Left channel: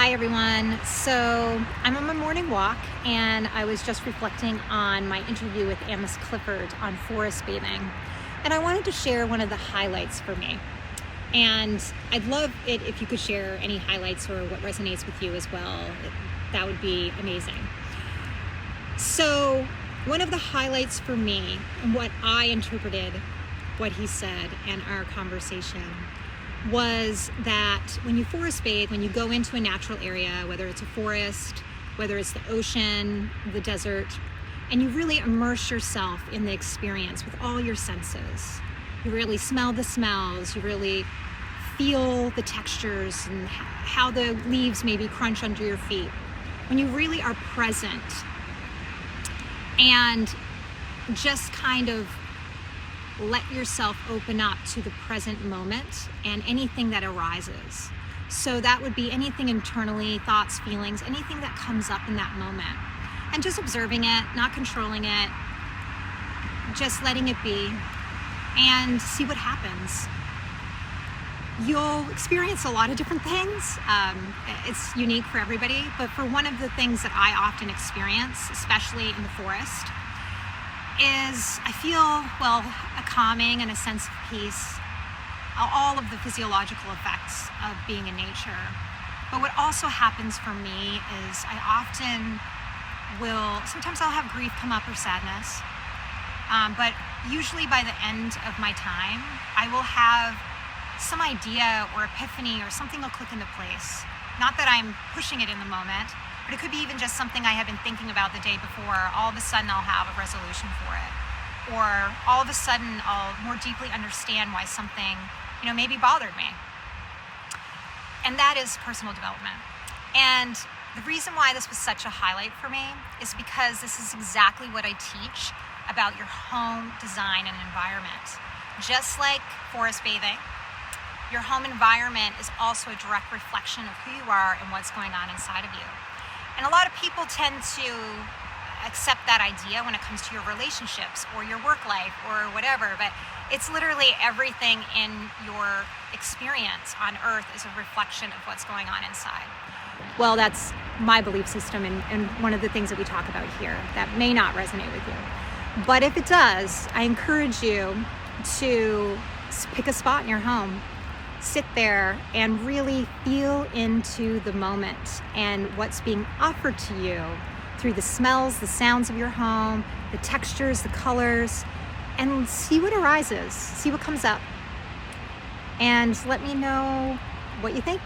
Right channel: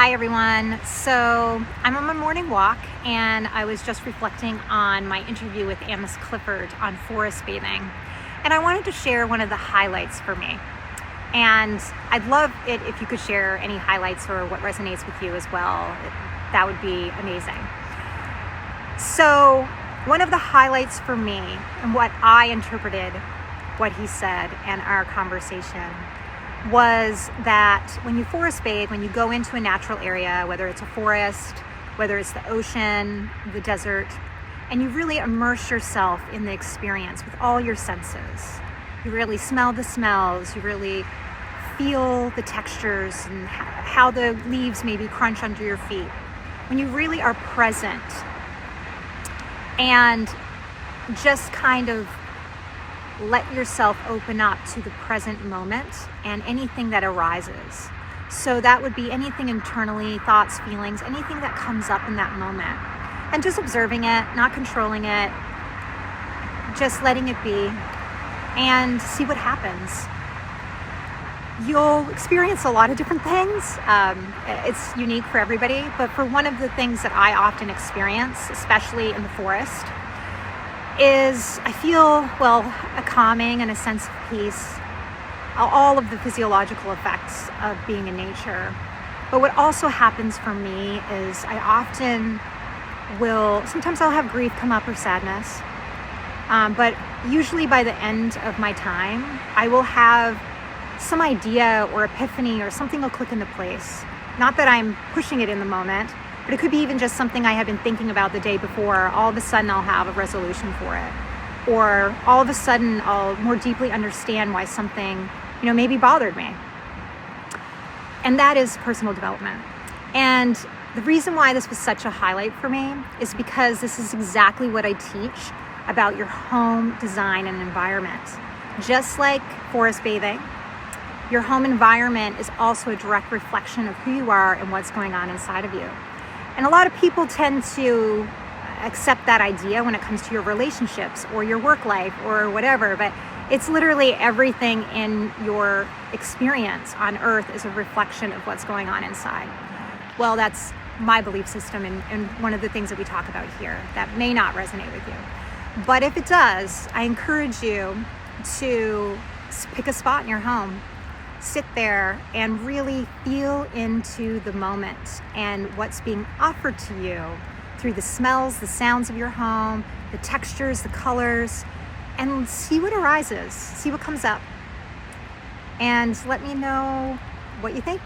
Hi everyone. So I'm on my morning walk and I was just reflecting on my interview with Amos Clifford on forest bathing. And I wanted to share one of the highlights for me. And I'd love it if you could share any highlights or what resonates with you as well. That would be amazing. So one of the highlights for me and what I interpreted what he said and our conversation was that when you forest bathe, when you go into a natural area, whether it's a forest, whether it's the ocean, the desert, and you really immerse yourself in the experience with all your senses. You really smell the smells, you really feel the textures and how the leaves maybe crunch under your feet. When you really are present and just kind of let yourself open up to the present moment and anything that arises. So that would be anything internally, thoughts, feelings, anything that comes up in that moment. And just observing it, not controlling it, just letting it be and see what happens. You'll experience a lot of different things. It's unique for everybody, but for one of the things that I often experience, especially in the forest, is I feel, a calming and a sense of peace, all of the physiological effects of being in nature. But what also happens for me is I often sometimes I'll have grief come up or sadness, but usually by the end of my time, I will have some idea or epiphany or something will click into place. Not that I'm pushing it in the moment, but it could be even just something I had been thinking about the day before. All of a sudden I'll have a resolution for it. Or all of a sudden I'll more deeply understand why something, maybe bothered me. And that is personal development. And the reason why this was such a highlight for me is because this is exactly what I teach about your home design and environment. Just like forest bathing, your home environment is also a direct reflection of who you are and what's going on inside of you. And a lot of people tend to accept that idea when it comes to your relationships or your work life or whatever, but it's literally everything in your experience on earth is a reflection of what's going on inside. Well, that's my belief system and one of the things that we talk about here that may not resonate with you. But if it does, I encourage you to pick a spot in your home, sit there and really feel into the moment and what's being offered to you through the smells, the sounds of your home, the textures, the colors, and see what arises, see what comes up, and let me know what you think.